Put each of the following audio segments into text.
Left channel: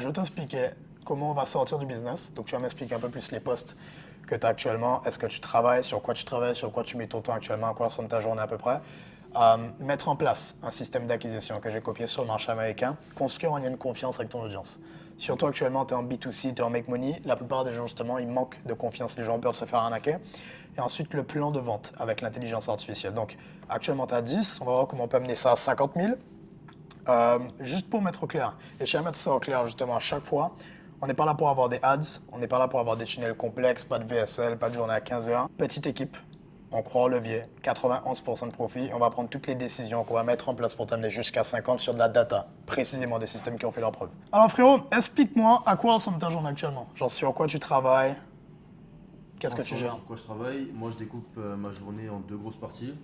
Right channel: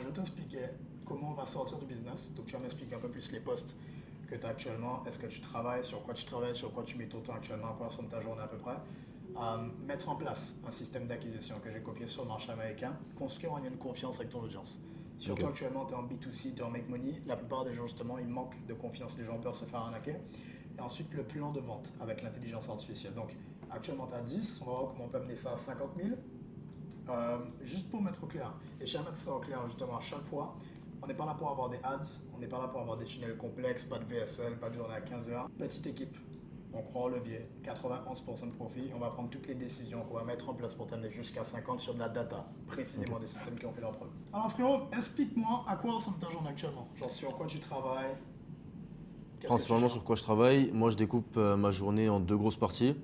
je vais t'expliquer comment on va sortir du business. Donc, tu vas m'expliquer un peu plus les postes que tu as actuellement. Est-ce que tu travailles, sur quoi tu mets ton temps actuellement, à quoi ressemble ta journée à peu près. Mettre en place un système d'acquisition que j'ai copié sur le marché américain, construire un lien de confiance avec ton audience. Surtout actuellement, tu es en B2C, tu es en make money. La plupart des gens, justement, ils manquent de confiance. Les gens ont peur de se faire arnaquer. Et ensuite, le plan de vente avec l'intelligence artificielle. Donc, actuellement, tu as 10. On va voir comment on peut amener ça à 50 000. Juste pour mettre au clair, et je tiens à mettre ça au clair justement à chaque fois, on n'est pas là pour avoir des ads, on n'est pas là pour avoir des tunnels complexes, pas de VSL, pas de journée à 15 heures. Petite équipe, on croit au levier, 91% de profit, et on va prendre toutes les décisions qu'on va mettre en place pour t'amener jusqu'à 50 sur de la data, précisément des systèmes qui ont fait leur preuve. Alors frérot, explique-moi à quoi ressemble ta journée actuellement. Genre sur quoi tu travailles, qu'est-ce que tu Principalement gères? sur quoi je travaille, moi je découpe ma journée en deux grosses parties.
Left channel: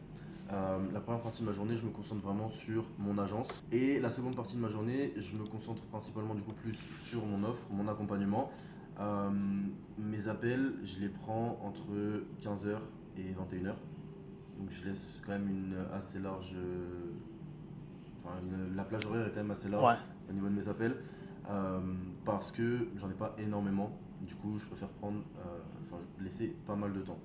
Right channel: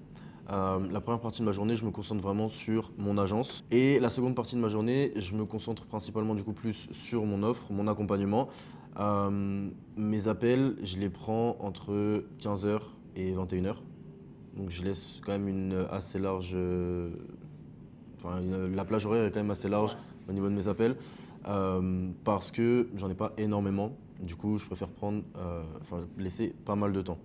La première partie de ma journée, je me concentre vraiment sur mon agence. Et la seconde partie de ma journée, je me concentre principalement du coup plus sur mon offre, mon accompagnement. Mes appels, je les prends entre 15 h et 21 h. Donc je laisse quand même une assez large... la plage horaire est quand même assez large Ouais. au niveau de mes appels. Parce que j'en ai pas énormément. Du coup, je préfère laisser pas mal de temps.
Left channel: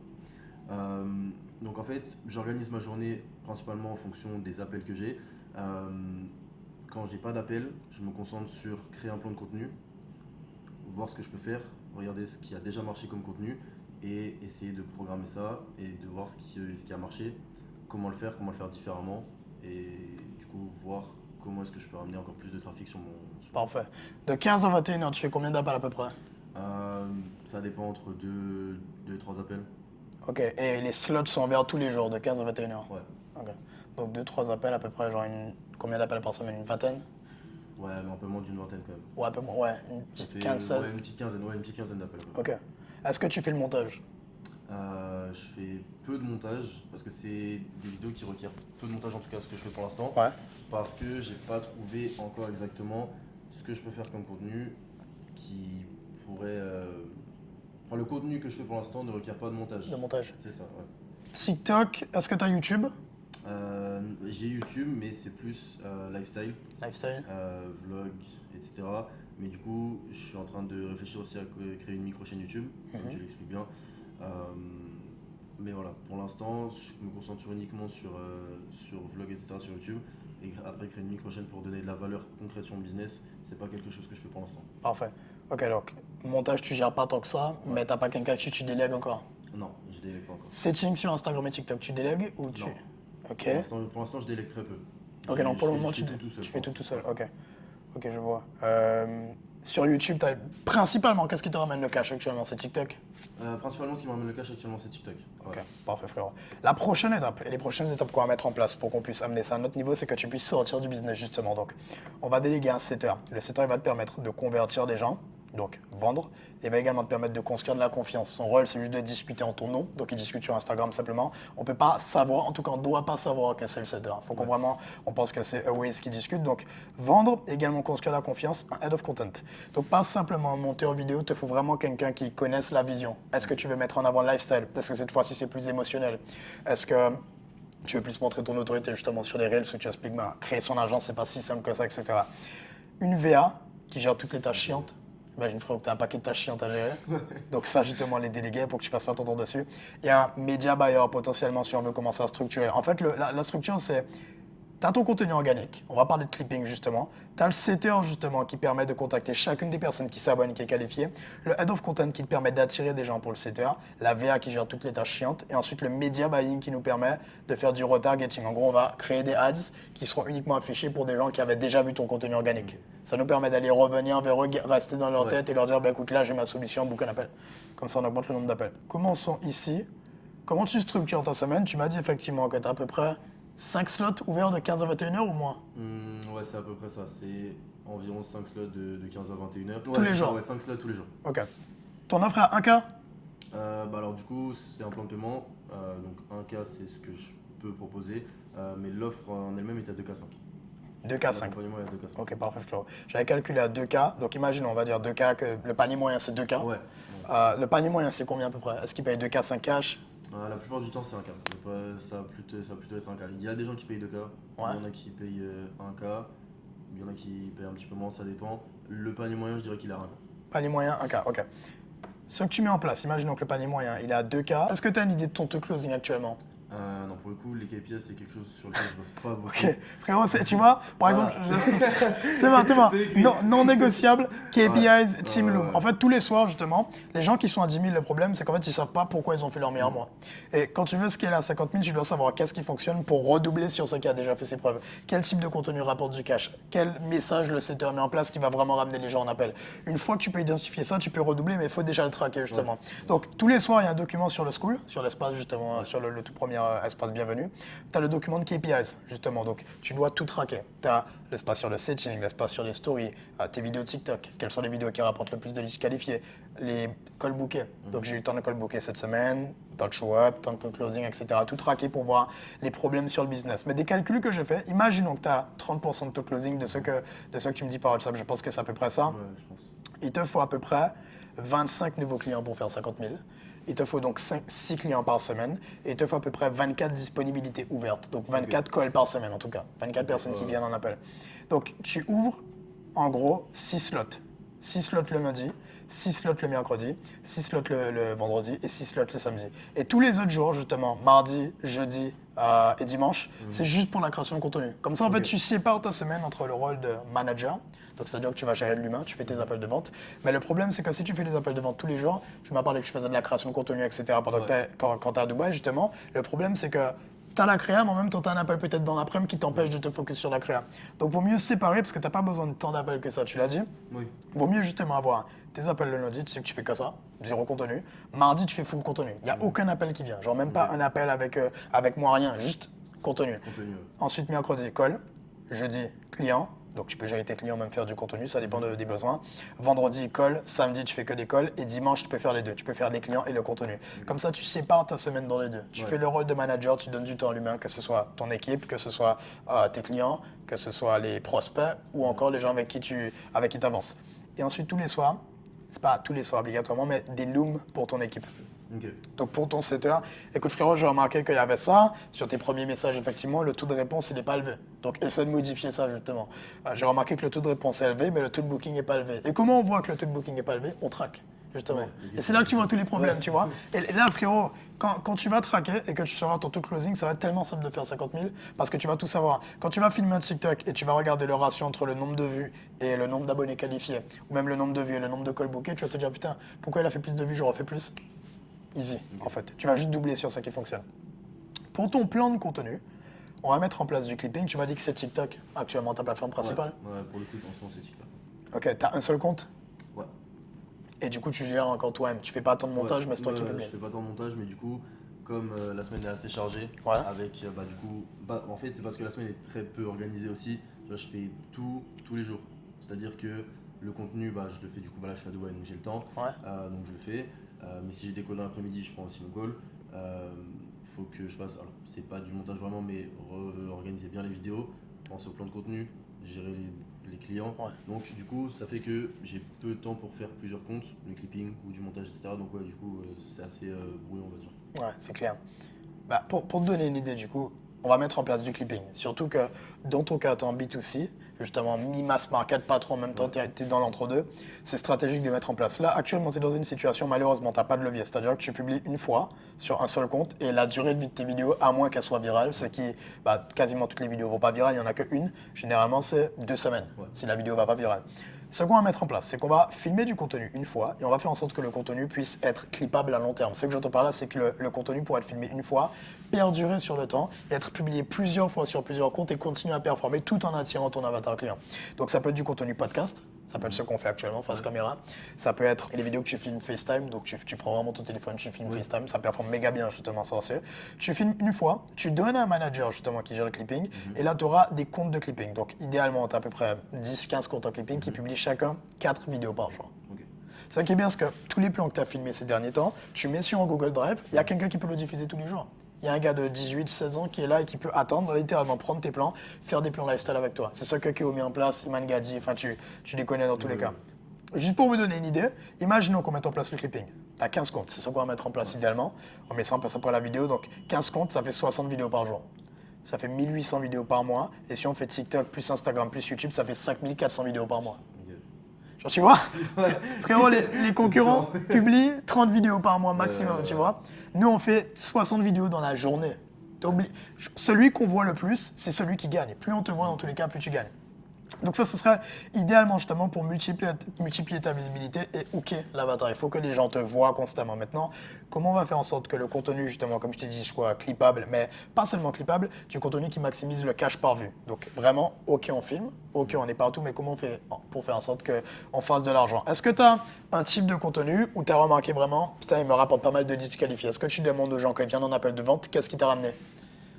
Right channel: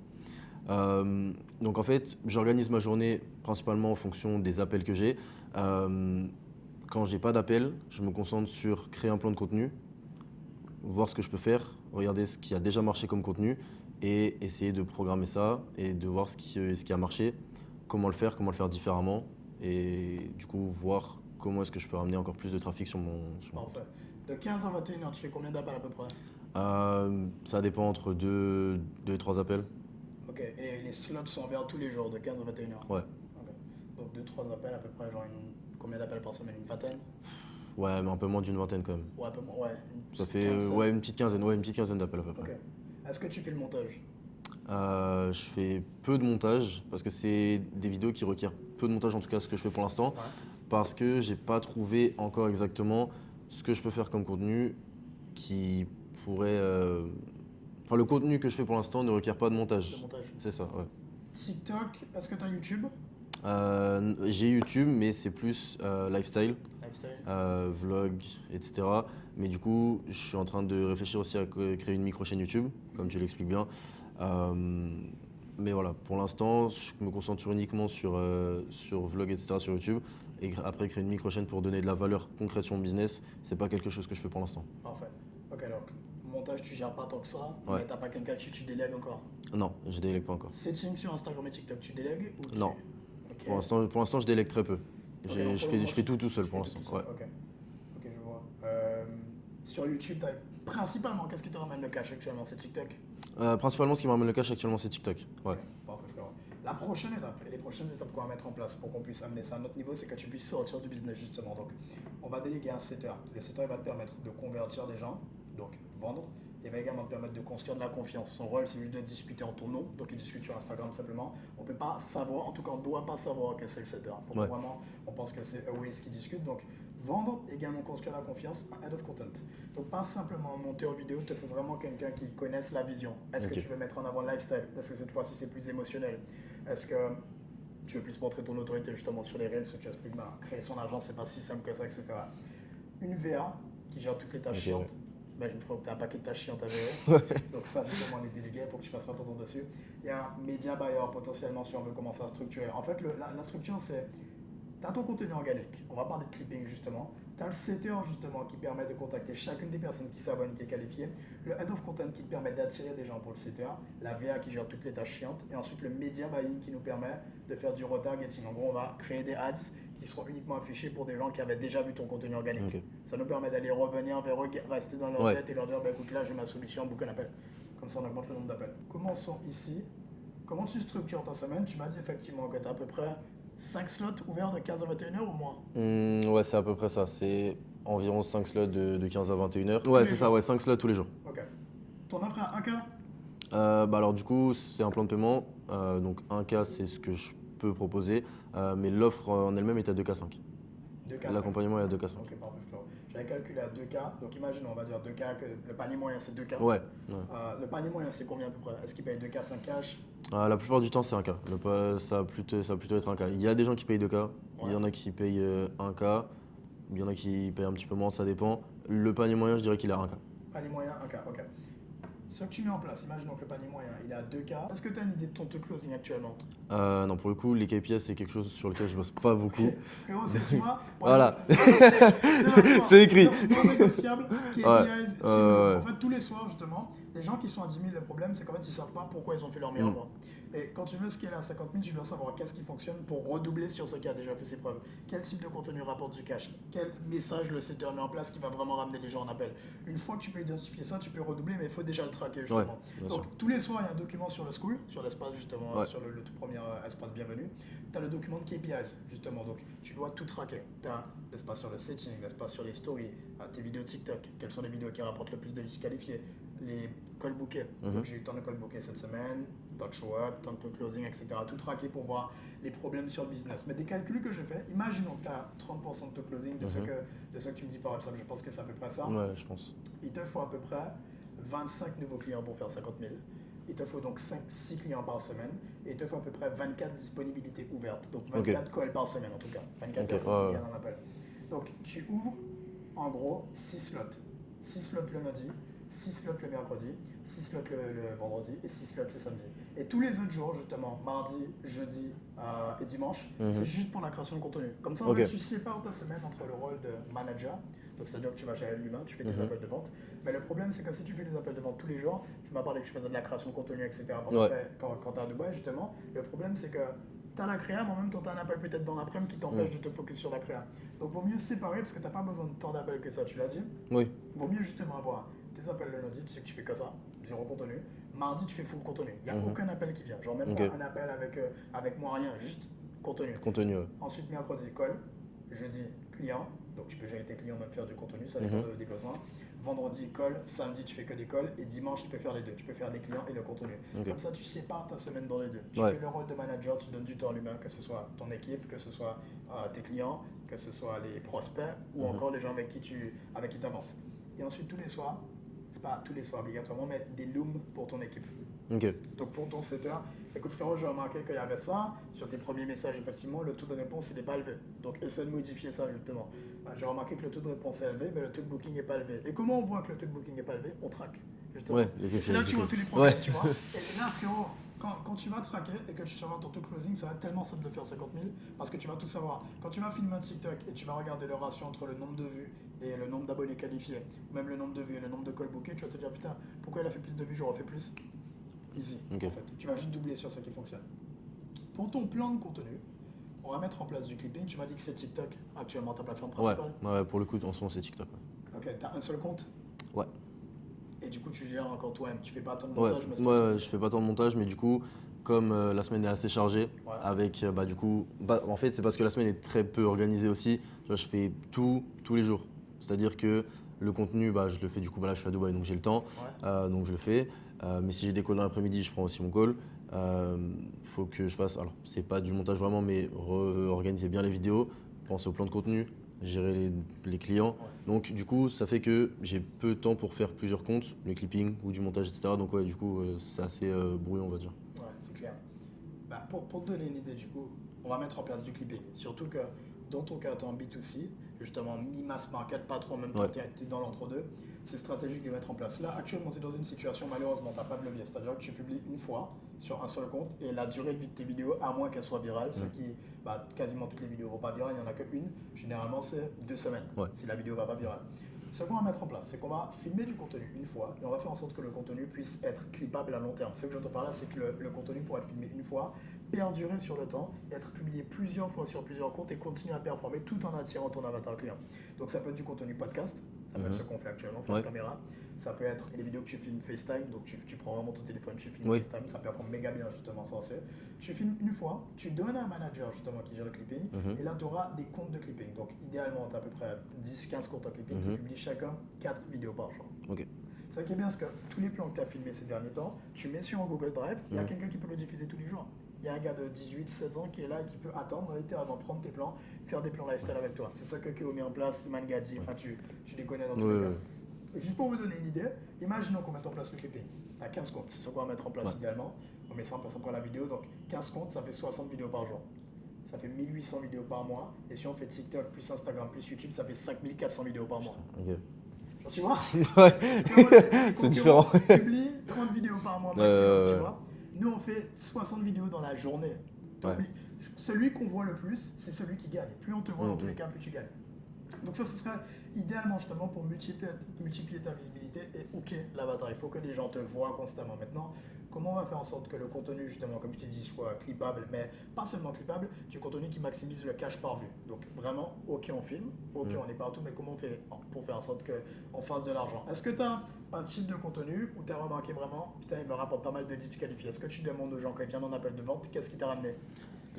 Donc en fait, j'organise ma journée principalement en fonction des appels que j'ai. Quand j'ai pas d'appel, je me concentre sur créer un plan de contenu, voir ce que je peux faire, regarder ce qui a déjà marché comme contenu et essayer de programmer ça et de voir ce qui a marché, comment le faire différemment et du coup voir comment est-ce que je peux ramener encore plus de trafic sur mon... Parfait. De 15 à 21 heures, tu fais combien d'appels à peu près? Ça dépend entre 2 et 3 appels. Ok, et les slots sont ouverts tous les jours de 15 à 21 heures. Ouais. Ok. Donc 2-3 appels à peu près, genre combien d'appels par semaine? Une vingtaine? Ouais, mais un peu moins d'une vingtaine quand même. Ouais, un peu moins. Ouais, une Ça petite fait 15, ouais, 16. une petite quinzaine d'appels à peu près. Ok. Est-ce que tu fais le montage? Je fais peu de montage parce que c'est des vidéos qui requièrent peu de montage, en tout cas ce que je fais pour l'instant, Ouais. parce que j'ai pas trouvé encore exactement ce que je peux faire comme contenu qui pourrait. Enfin, le contenu que je fais pour l'instant ne requiert pas de montage. Le montage. C'est ça, ouais. TikTok, est-ce que tu as YouTube? J'ai YouTube, mais c'est plus lifestyle, Lifestyle. vlog, etc. Mais du coup, je suis en train de réfléchir aussi à créer une micro-chaîne YouTube, comme tu l'expliques bien. Mais voilà, pour l'instant, je me concentre uniquement sur vlog, etc. sur YouTube. Et après, créer une micro-chaîne pour donner de la valeur concrète sur mon business, c'est pas quelque chose que je fais pour l'instant. Parfait. Ok, donc montage, tu gères pas tant que ça, Ouais. mais t'as pas quelqu'un que tu délègues encore. Non, je délègue pas encore. Setting sur Instagram et TikTok, tu délègues ou tu... Non. Ok. Pour l'instant, je délègue très peu. Ok, J'ai- non, pour le moment, je fais tu tout seul tu pour fais tout l'instant. seul. Ouais. Ok. Ok, je vois. Sur YouTube, principalement, qu'est-ce qui te ramène le cash actuellement? C'est TikTok? Principalement, ce qui me ramène le cash actuellement, c'est TikTok. Ouais. Ok, parfait frérot. La prochaine étape, et les prochaines étapes qu'on va mettre en place pour qu'on puisse amener ça à un autre niveau, c'est que tu puisses sortir du business justement. Donc, on va déléguer un setter. Le setter, il va te permettre de convertir des gens, donc vendre. Il va également te permettre de construire de la confiance. Son rôle, c'est juste de discuter en ton nom. Donc, il discute sur Instagram simplement. On ne peut pas savoir, en tout cas, on ne doit pas savoir que c'est le setter. Il faut qu'on vraiment, on pense que c'est Aways qui discute. Donc, vendre, également construire la confiance, un head of content. Donc, pas simplement un monteur vidéo, il te faut vraiment quelqu'un qui connaisse la vision. Est-ce que tu veux mettre en avant le lifestyle? Est-ce que cette fois-ci, c'est plus émotionnel? Est-ce que tu veux plus montrer ton autorité justement sur les réels, ce que tu expliques, créer son agence, c'est pas si simple que ça, etc. Une VA qui gère toutes les tâches chiantes. Imagine frérot que tu as un paquet de tâches chiantes à gérer. Donc ça justement les déléguer pour que tu passes pas ton temps dessus. Il y a un media buyer potentiellement si on veut commencer à structurer. En fait la structure c'est, tu as ton contenu organique, on va parler de clipping justement. Tu as le setter justement qui permet de contacter chacune des personnes qui s'abonnent, qui est qualifiée. Le head of content qui te permet d'attirer des gens pour le setter. La VA qui gère toutes les tâches chiantes. Et ensuite le media buying qui nous permet de faire du retargeting. En gros, on va créer des ads qui seront uniquement affichés pour des gens qui avaient déjà vu ton contenu organique. Ça nous permet d'aller revenir vers eux, rester dans leur tête et leur dire bah, écoute, là j'ai ma solution, book un appel. Comme ça, on augmente le nombre d'appels. Commençons ici. Comment tu structures ta semaine? Tu m'as dit effectivement que tu as à peu près 5 slots ouverts de 15 à 21 heures ou moins? Ouais, c'est à peu près ça. C'est environ 5 slots de 15 à 21 heures. Tous Ouais, les c'est ça, jours. ouais, 5 slots tous les jours. Ok. Ton offre est à 1K? Alors du coup, c'est un plan de paiement. Donc 1K, c'est ce que je peux proposer. Mais l'offre en elle-même est à 2K5. 2K 5. L'accompagnement est à 2K5. Ok, parfait, frérot. J'avais calculé à 2K. Donc imagine, on va dire 2K, que le panier moyen c'est 2K. Ouais. Le panier moyen c'est combien à peu près? Est-ce qu'il paye 2K 5 cash? La plupart du temps, c'est 1K. Ça va plutôt être 1K. Il y a des gens qui payent 2K. Il y en a qui payent 1K. Il y en a qui payent un petit peu moins, ça dépend. Le panier moyen, je dirais qu'il est à 1K. Panier moyen, 1K, ok. Ce que tu mets en place, imaginons que le panier moyen, il est à 2K. Est-ce que tu as une idée de ton taux closing actuellement? Non, pour le coup, les KPIs, c'est quelque chose sur lequel je bosse pas beaucoup. Ok, frérot, tu vois, par Voilà. exemple, C'est écrit. Non négociable, KPIs, Ouais. team Ouais, loop. ouais. En fait, tous les soirs, justement, les gens qui sont à 10 000, le problème, c'est qu'en fait, ils savent pas pourquoi ils ont fait leur meilleur mois. Et quand tu veux scaler à 50 000, tu dois savoir qu'est-ce qui fonctionne pour redoubler sur ce qui a déjà fait ses preuves. Quel type de contenu rapporte du cash? Quel message le setter met en place qui va vraiment ramener les gens en appel? Une fois que tu peux identifier ça, tu peux redoubler, mais il faut déjà le traquer, justement. Ouais, Donc, tous les soirs, il y a un document sur le school, sur l'espace, justement, Ouais. sur le tout premier espace bienvenue. Tu as le document de KPIs, justement. Donc, tu dois tout traquer. Tu as l'espace sur le setting, l'espace sur les stories, tes vidéos TikTok, quelles sont les vidéos qui rapportent le plus de leads qualifiés, les call bookés. Donc, j'ai eu tant de call bookés cette semaine, tant de show up, tant de closing, etc. Tout traquer pour voir les problèmes sur le business. Mais des calculs que j'ai fait, imaginons que tu as 30% de taux closing de, ce que tu me dis par WhatsApp. Je pense que c'est à peu près ça. Ouais, je pense. Il te faut à peu près 25 nouveaux clients pour faire 50 000. Il te faut donc 6 clients par semaine et il te faut à peu près 24 disponibilités ouvertes. Donc 24 calls par semaine en tout cas. 24 personnes qui viennent en appel. Donc tu ouvres en gros 6 slots. 6 slots le lundi, 6 slots le mercredi, 6 slots le vendredi et 6 slots le samedi. Et tous les autres jours, justement, mardi, jeudi et dimanche, c'est juste pour la création de contenu. Comme ça, en fait, tu sépares ta semaine entre le rôle de manager. Donc, c'est-à-dire que tu vas gérer de l'humain, tu fais tes appels de vente. Mais le problème, c'est que si tu fais des appels de vente tous les jours, tu m'as parlé que tu faisais de la création de contenu, etc. pendant quand tu es à Dubaï, justement. Le problème, c'est que tu as la créa, mais en même temps, tu as un appel peut-être dans l'après-midi qui t'empêche de te focus sur la créa. Donc, vaut mieux séparer parce que tu n'as pas besoin de tant d'appels que ça, tu l'as dit. Oui. Vaut mieux justement avoir tes appels le lundi, tu sais que tu fais que ça, zéro contenu. Mardi, tu fais full contenu. Il n'y a aucun appel qui vient. Genre, même pas un appel avec moi, rien, juste contenu. Contenu, ouais. Ensuite, mercredi, call. Jeudi, client. Donc, tu peux gérer tes clients, même faire du contenu, ça dépend des besoins. Vendredi, call. Samedi, tu fais que des calls. Et dimanche, tu peux faire les deux. Tu peux faire les clients et le contenu. Comme ça, tu sépares ta semaine dans les deux. Tu fais le rôle de manager, tu donnes du temps à l'humain, que ce soit ton équipe, que ce soit tes clients, que ce soit les prospects ou encore les gens avec qui tu avances. Et ensuite, tous les soirs, c'est pas tous les soirs obligatoirement, mais des looms pour ton équipe. Ok. Donc pour ton setter, écoute frérot, j'ai remarqué qu'il y avait ça. Sur tes premiers messages, effectivement, le taux de réponse, il n'est pas élevé. Donc essaie de modifier ça justement. J'ai remarqué que le taux de réponse est élevé, mais le taux de booking n'est pas élevé. Et comment on voit que le taux de booking n'est pas élevé? On traque, justement. Ouais, et c'est là que tu vois tous les problèmes, tu vois. Et là, frérot, quand tu vas traquer et que tu sauras ton taux de closing, ça va être tellement simple de faire 50 000 parce que tu vas tout savoir. Quand tu vas filmer un TikTok et tu vas regarder le ratio entre le nombre de vues et le nombre d'abonnés qualifiés, ou même le nombre de vues et le nombre de calls bookés, tu vas te dire putain, pourquoi il a fait plus de vues, j'aurais fait plus? Easy, en fait. Tu vas juste doubler sur ça qui fonctionne. Pour ton plan de contenu, on va mettre en place du clipping. Tu m'as dit que c'est TikTok, actuellement ta plateforme principale. Ouais, pour le coup, en ce moment, c'est TikTok. Ok, tu as un seul compte? Ouais. Et du coup, tu gères encore toi-même. Tu fais pas tant de montage, mais c'est toi qui je fais pas tant de montage, mais du coup, comme la semaine est assez chargée, avec, du coup, en fait, c'est parce que la semaine est très peu organisée aussi. Tu vois, je fais tout tous les jours. C'est-à-dire que le contenu, je le fais du coup, là, je suis à Dubaï, donc j'ai le temps, donc je le fais. Mais si j'ai des calls dans l'après-midi, je prends aussi mon call. Faut que je fasse, alors c'est pas du montage vraiment, mais organiser bien les vidéos, penser au plan de contenu, gérer les clients. Donc du coup, ça fait que j'ai peu de temps pour faire plusieurs comptes, le clipping ou du montage, etc. Donc ouais, du coup, c'est assez brouillon, on va dire. Ouais, c'est clair. Pour te donner une idée, du coup, on va mettre en place du clipping. Surtout que dans ton cas, tu es en B2C, justement mi-mass market, pas trop en même temps, tu es dans l'entre-deux. C'est stratégique de mettre en place. Là, actuellement, tu es dans une situation, malheureusement, tu n'as pas de levier. C'est-à-dire que tu publies une fois sur un seul compte et la durée de vie de tes vidéos, à moins qu'elles soient virales, ce qui, quasiment toutes les vidéos ne vont pas virales, il n'y en a qu'une. Généralement, c'est 2 semaines si la vidéo ne va pas virale. Ce qu'on va mettre en place, c'est qu'on va filmer du contenu une fois et on va faire en sorte que le contenu puisse être clippable à long terme. Ce que j'entends par là, c'est que le contenu pourra être filmé une fois, perdurer sur le temps et être publié plusieurs fois sur plusieurs comptes et continuer à performer tout en attirant ton avatar client. Donc ça peut être du contenu podcast, ça peut être ce qu'on fait actuellement face caméra, ça peut être les vidéos que tu filmes FaceTime, donc tu prends vraiment ton téléphone, tu filmes FaceTime, ça performe méga bien justement ça aussi. Tu filmes une fois, tu donnes à un manager justement qui gère le clipping et là tu auras des comptes de clipping. Donc idéalement tu as à peu près 10-15 comptes en clipping qui publient chacun 4 vidéos par jour. C'est ça qui est bien, parce que tous les plans que tu as filmés ces derniers temps, tu mets sur un Google Drive, il y a quelqu'un qui peut le diffuser tous les jours. Il y a un gars de 18-16 ans qui est là et qui peut attendre, littéralement prendre tes plans, faire des plans lifestyle avec toi. C'est ça que Keo met en place, Iman Gadi, enfin tu les connais dans tous les cas. Juste pour vous donner une idée, imaginons qu'on mette en place le clipping. Tu as 15 comptes, c'est ça qu'on va mettre en place idéalement. On met ça en place après la vidéo, donc 15 comptes, ça fait 60 vidéos par jour. Ça fait 1800 vidéos par mois. Et si on fait TikTok plus Instagram plus YouTube, ça fait 5400 vidéos par mois. Genre, tu vois, Ouais. frérot, les concurrents différent. publient 30 vidéos par mois maximum, tu Ouais. vois. Nous, on fait 60 vidéos dans la journée. Celui qu'on voit le plus, c'est celui qui gagne. Plus on te voit dans tous les cas, plus tu gagnes. Donc ça, ce serait idéalement justement pour multiplier ta visibilité et hooker l'avatar. Il faut que les gens te voient constamment. Maintenant, comment on va faire en sorte que le contenu, justement, comme je t'ai dit, soit clippable, mais pas seulement clippable, du contenu qui maximise le cash par vue. Donc vraiment, ok, on filme, ok, on est partout, mais comment on fait pour faire en sorte qu'on fasse de l'argent? Est-ce que tu as un type de contenu où tu as remarqué vraiment, putain, il me rapporte pas mal de leads qualifiés? Est-ce que tu demandes aux gens quand ils viennent en appel de vente, qu'est-ce qui t'a ramené?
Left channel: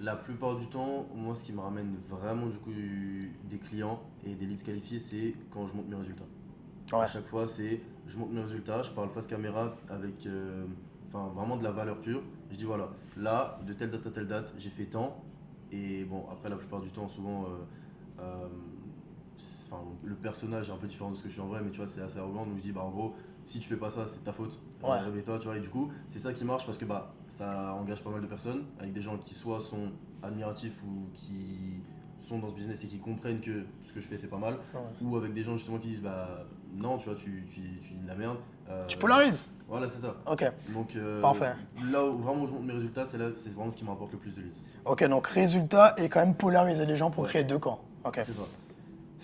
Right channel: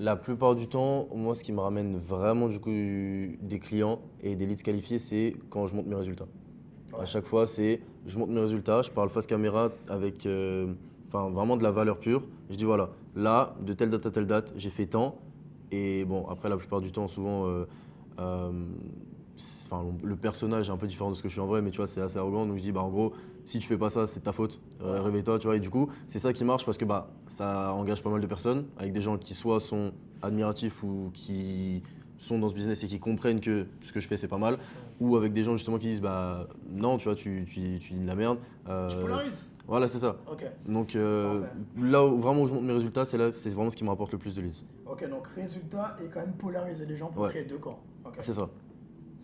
La plupart du temps, moi, ce qui me ramène vraiment du coup des clients et des leads qualifiés, c'est quand je monte mes résultats. Ouais. À chaque fois, c'est je monte mes résultats, je parle face caméra avec enfin, vraiment de la valeur pure. Je dis voilà, là, de telle date à telle date, j'ai fait tant. Et bon, après, la plupart du temps, souvent, euh, enfin, le personnage est un peu différent de ce que je suis en vrai, mais tu vois, c'est assez arrogant. Donc je dis, bah, en gros, si tu fais pas ça, c'est ta faute. Ouais. Réveille-toi, tu vois. Et du coup, c'est ça qui marche parce que bah, ça engage pas mal de personnes avec des gens qui soit sont admiratifs ou qui sont dans ce business et qui comprennent que ce que je fais c'est pas mal, ou avec des gens justement qui disent bah non, tu vois, tu dis de la merde. Tu polarises? Voilà, c'est ça. Ok, Donc parfait. là où vraiment où je monte mes résultats, c'est là, c'est vraiment ce qui me rapporte le plus de leads. Ok, donc résultat et quand même polariser les gens pour Ouais. créer deux camps. Ok. C'est ça.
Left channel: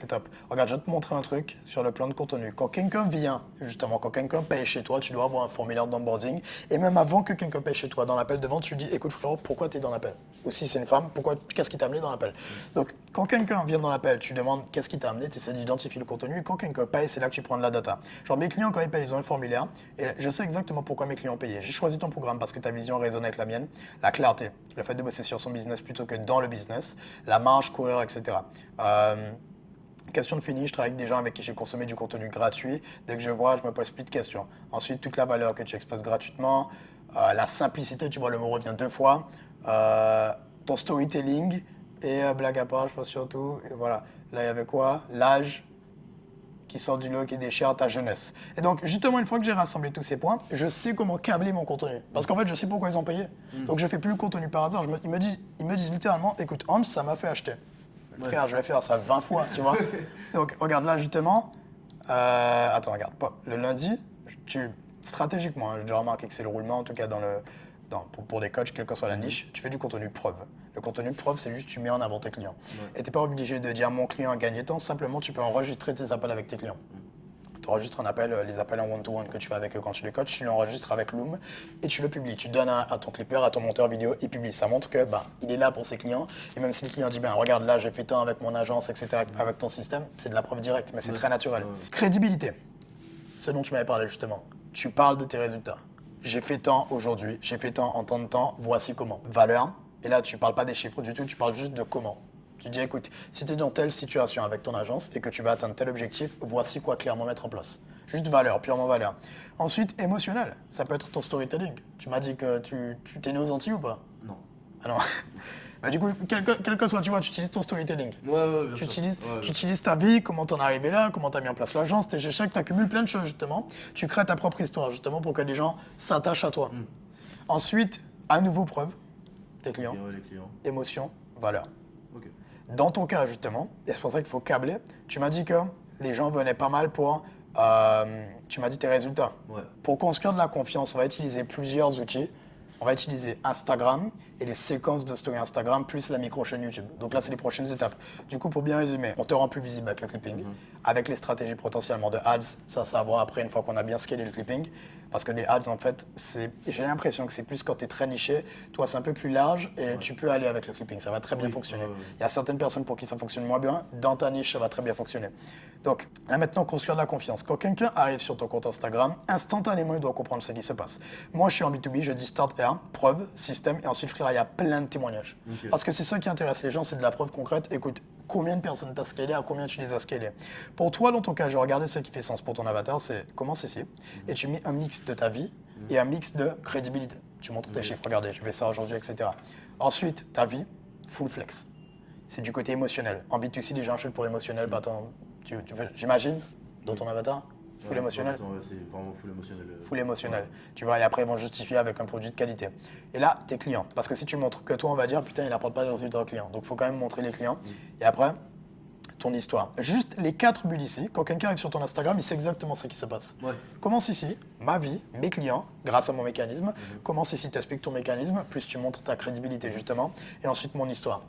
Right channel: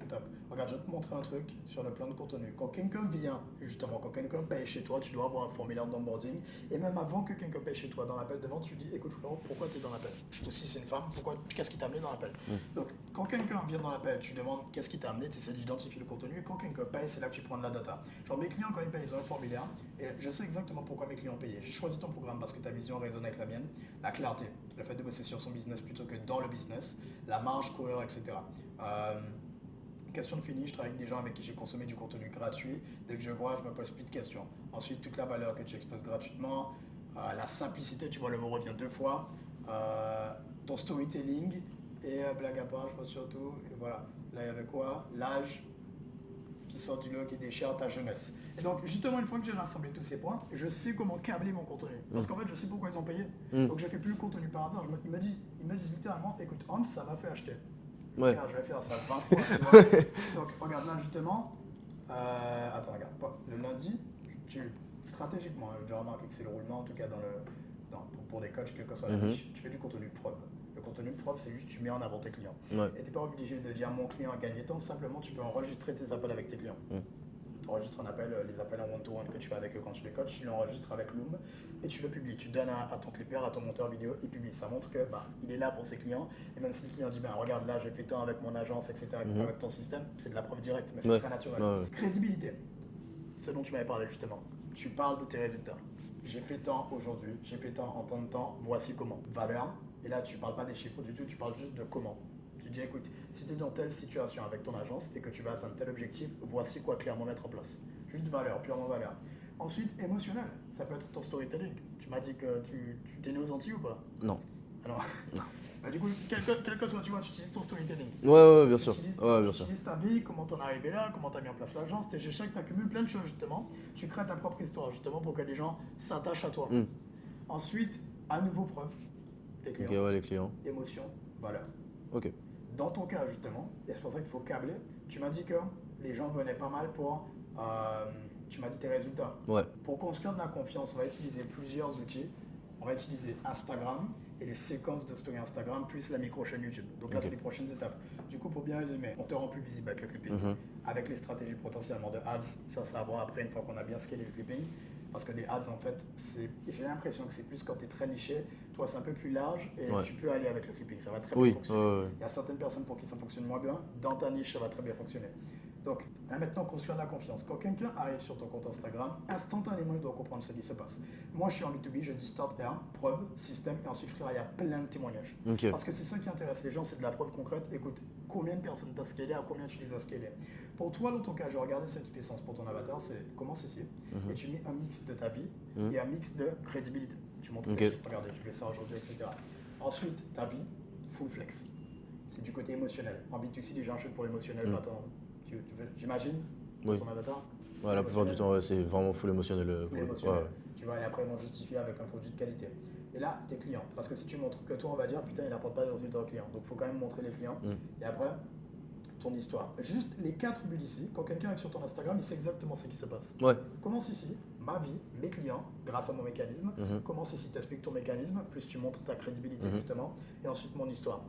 C'est top. Regarde, je vais te montrer un truc sur le plan de contenu. Quand quelqu'un vient, justement, quand quelqu'un paye chez toi, tu dois avoir un formulaire d'onboarding. Et même avant que quelqu'un paye chez toi, dans l'appel de vente, tu lui dis, écoute frérot, pourquoi tu es dans l'appel? Ou si c'est une femme, qu'est-ce qui t'a amené dans l'appel? Donc, quand quelqu'un vient dans l'appel, tu demandes qu'est-ce qui t'a amené, tu essaies d'identifier le contenu. Et quand quelqu'un paye, c'est là que tu prends de la data. Genre, mes clients, quand ils payent, ils ont un formulaire. Et je sais exactement pourquoi mes clients payaient. J'ai choisi ton programme parce que ta vision résonne avec la mienne. La clarté, le fait de bosser sur son business plutôt que dans le business, la marge, courir, etc. Question de fini, je travaille avec des gens avec qui j'ai consommé du contenu gratuit. Dès que je vois, je me pose plus de questions. Ensuite, toute la valeur que tu expresses gratuitement, la simplicité, tu vois, le mot revient 2 fois, ton storytelling et blague à part, je pense surtout. Et voilà, là, il y avait quoi? L'âge qui sort du lot, qui déchire ta jeunesse. Et donc, justement, une fois que j'ai rassemblé tous ces points, je sais comment câbler mon contenu. Parce qu'en fait, je sais pourquoi ils ont payé. Donc, je fais plus le contenu par hasard. Ils me disent littéralement, écoute, Hans, ça m'a fait acheter. Ouais. Frère, je vais faire ça 20 fois, tu vois. Donc, regarde là, justement. Attends, regarde. Le lundi, stratégiquement, j'ai déjà remarqué que c'est le roulement, en tout cas pour des coachs, quelle que soit la niche, tu fais du contenu preuve. Le contenu preuve, c'est juste tu mets en avant tes clients. Ouais. Et tu n'es pas obligé de dire mon client a gagné tant, simplement tu peux enregistrer tes appels avec tes clients. Tu enregistres un appel, les appels en one-to-one que tu fais avec eux quand tu les coaches, tu l'enregistres avec Loom et tu le publies. Tu donnes à ton clipper, à ton monteur vidéo, il publie. Ça montre que il est là pour ses clients. Et même si le client dit regarde là, j'ai fait tant avec mon agence, etc., avec ton système, c'est de la preuve directe, mais c'est très naturel. Crédibilité, ce dont tu m'avais parlé justement. Tu parles de tes résultats. J'ai fait tant aujourd'hui, j'ai fait tant en temps de temps, voici comment. Valeur, et là tu ne parles pas des chiffres du tout, tu parles juste de comment. Tu dis, écoute, si tu es dans telle situation avec ton agence et que tu vas atteindre tel objectif, voici quoi clairement mettre en place. Juste valeur, purement valeur. Ensuite, émotionnel. Ça peut être ton storytelling. Tu m'as dit que tu t'es né aux Antilles ou pas? Non. Ah non. Bah, du coup, quel que soit, tu vois, tu utilises ton storytelling. Ouais, bien Tu sûr. utilises, Ouais, tu bien sûr. utilises ta vie, comment t'en es arrivé là, comment t'as mis en place l'agence, tes échecs, t'accumules plein de choses justement. Tu crées ta propre histoire justement pour que les gens s'attachent à toi. Ensuite, à nouveau preuve, tes clients, Ok, ouais, les clients. émotion, valeur. Ok. Dans ton cas, justement, et c'est pour ça qu'il faut câbler, tu m'as dit que les gens venaient pas mal pour, tu m'as dit tes résultats. Ouais. Pour construire de la confiance, on va utiliser plusieurs outils. On va utiliser Instagram et les séquences de story Instagram plus la micro-chaîne YouTube. Donc là, c'est les prochaines étapes. Du coup, pour bien résumer, on te rend plus visible avec le clipping. Avec les stratégies potentiellement de ads, ça va voir après une fois qu'on a bien scalé le clipping. Parce que les ads, en fait, j'ai l'impression que c'est plus quand tu es très niché. Toi, c'est un peu plus large et tu peux aller avec le clipping. Ça va très bien fonctionner. Il y a certaines personnes pour qui ça fonctionne moins bien. Dans ta niche, ça va très bien fonctionner. Donc là, maintenant, construire de la confiance. Quand quelqu'un arrive sur ton compte Instagram, instantanément, il doit comprendre ce qui se passe. Moi, je suis en B2B, je dis start R, preuve, système, et ensuite, frère, il y a plein de témoignages. Ok. Parce que c'est ça qui intéresse les gens, c'est de la preuve concrète. Écoute, combien de personnes t'as scalé, à combien tu les as scalées. Pour toi, dans ton cas, je regardais ce qui fait sens pour ton avatar, c'est commence ici, et tu mets un mix de ta vie et un mix de crédibilité. Tu montres tes chiffres, regardez, je fais ça aujourd'hui, etc. Ensuite, ta vie, full flex. C'est du côté émotionnel. En B2C, les gens achètent pour l'émotionnel, pas tant. J'imagine, dans ton avatar, full émotionnel. C'est vraiment full émotionnel. Full émotionnel. Tu vois, et après, ils vont justifier avec un produit de qualité. Et là, tes clients. Parce que si tu montres que toi, on va dire, putain, il n'apporte pas de résultats aux clients. Donc, il faut quand même montrer les clients. Et après, ton histoire. Juste les 4 bulles ici, quand quelqu'un arrive sur ton Instagram, il sait exactement ce qui se passe. Ouais. Commence ici, ma vie, mes clients, grâce à mon mécanisme. Commence ici, tu expliques ton mécanisme, plus tu montres ta crédibilité justement. Et ensuite mon histoire.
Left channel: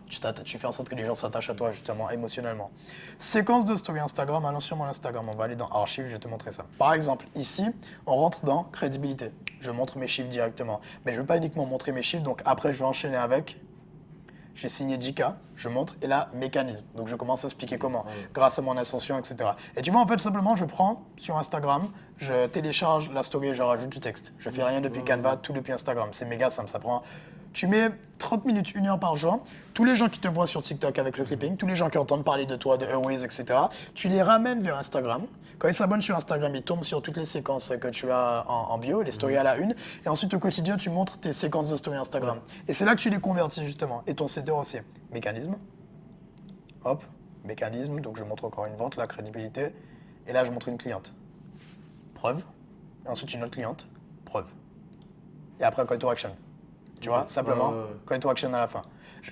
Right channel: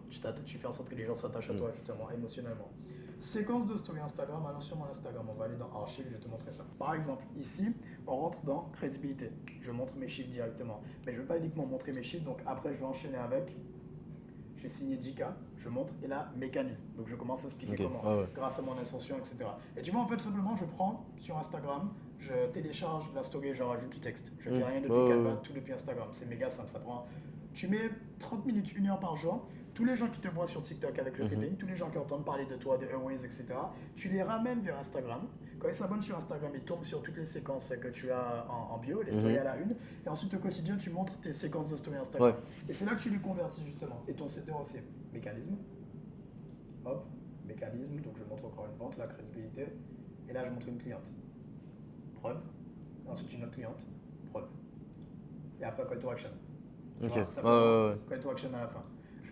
Tu fais en sorte que les gens s'attachent à toi justement émotionnellement. Séquence de story Instagram, allons sur mon Instagram. On va aller dans archives, je vais te montrer ça. Par exemple, ici, on rentre dans crédibilité. Je montre mes chiffres directement. Mais je ne veux pas uniquement montrer mes chiffres, donc après je vais enchaîner avec. J'ai signé 10K, je montre, et là, mécanisme. Donc je commence à expliquer comment, grâce à mon ascension, etc. Et tu vois, en fait, simplement, je prends sur Instagram, je télécharge la story et je rajoute du texte. Je fais rien depuis Canva, tout depuis Instagram. C'est méga simple, ça prend. Tu mets 30 minutes, 1 heure par jour. Tous les gens qui te voient sur TikTok avec le clipping, tous les gens qui entendent parler de toi, de Airways, etc., tu les ramènes vers Instagram. Quand ils s'abonnent sur Instagram, ils tombent sur toutes les séquences que tu as en bio, les stories à la une. Et ensuite, au quotidien, tu montres tes séquences de stories Instagram. Et c'est là que tu les convertis justement. Et ton setter aussi. Mécanisme. Hop, mécanisme. Donc je montre encore une vente, la crédibilité. Et là, je montre une cliente. Preuve. Et ensuite, une autre cliente. Preuve. Et après, call to action. Tu vois, simplement, call to action à la fin.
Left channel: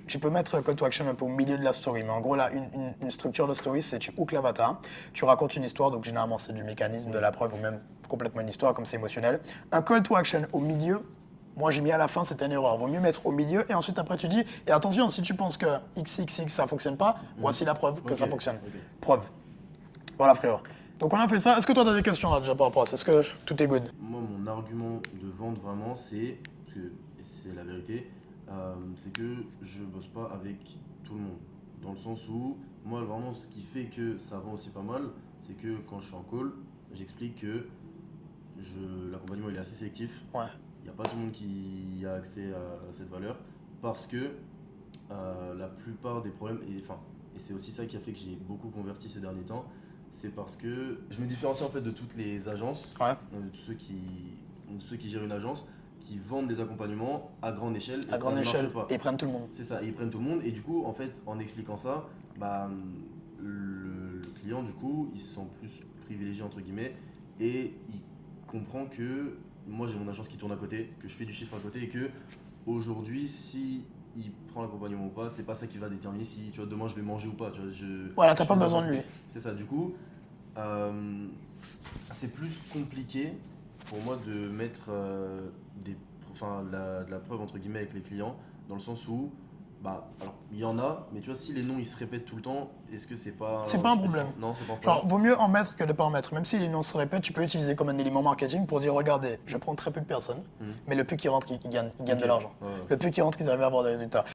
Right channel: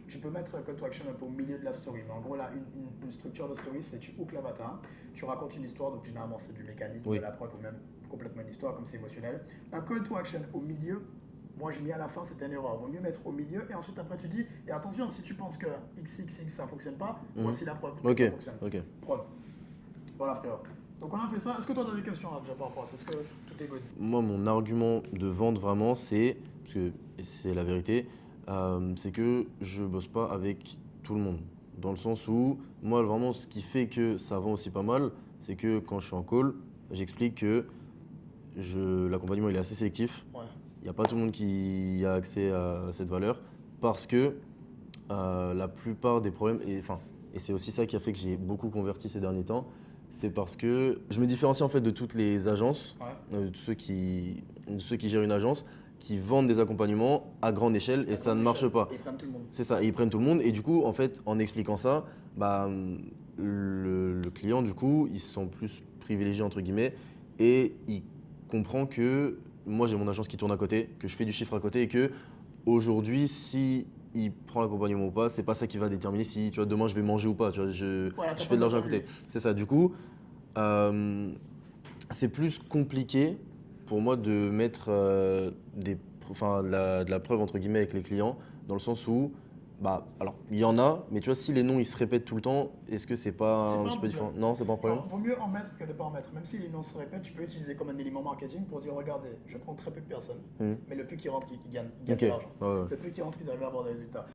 Tu peux mettre call to action un peu au milieu de la story, mais en gros, là, une structure de story, c'est tu hook l'avatar, tu racontes une histoire, donc généralement, c'est du mécanisme, de la preuve, ou même complètement une histoire, comme c'est émotionnel. Un call to action au milieu, moi, j'ai mis à la fin, c'était une erreur. Vaut mieux mettre au milieu, et ensuite, après, tu dis, et attention, si tu penses que XXX, ça ne fonctionne pas, voici la preuve que ça fonctionne. Preuve. Voilà, frérot. Donc, on a fait ça. Est-ce que toi, tu as des questions là déjà par rapport à ça? Est-ce que tout est good? Moi, mon argument de vente vraiment, c'est, parce que et c'est la vérité, c'est que je bosse pas avec tout le monde. Dans le sens où, moi, vraiment, ce qui fait que ça vend aussi pas mal, c'est que quand je suis en call, j'explique que l'accompagnement il est assez sélectif. Ouais. Il n'y a pas tout le monde qui a accès à cette valeur parce que la plupart des problèmes, et c'est aussi ça qui a fait que j'ai beaucoup converti ces derniers temps, c'est parce que je me différencie en fait de toutes les agences, de tous ceux qui gèrent une agence, qui vendent des accompagnements à grande échelle et ça ne marche pas. Et ils prennent tout le monde. C'est ça, ils prennent tout le monde et du coup, en fait, en expliquant ça, le client, du coup, il se sent plus privilégié entre guillemets et il comprend que moi j'ai mon agence qui tourne à côté, que je fais du chiffre à côté et que aujourd'hui, si il prend l'accompagnement ou pas, c'est pas ça qui va déterminer si tu vois, demain je vais manger ou pas. Tu vois, voilà, t'as pas besoin de lui. C'est ça, du coup, c'est plus compliqué pour moi de mettre de la preuve entre guillemets avec les clients, dans le sens où, alors il y en a, mais tu vois, si les noms ils se répètent tout le temps, est-ce que c'est pas un problème? Non, c'est pas un problème. Genre, vaut mieux en mettre que de ne pas en mettre. Même si les noms se répètent, tu peux utiliser comme un élément marketing pour dire regardez, je prends très peu de personnes, mais le peu qui rentre, ils gagnent de l'argent. Le peu qui rentre, ils arrivent à avoir des résultats.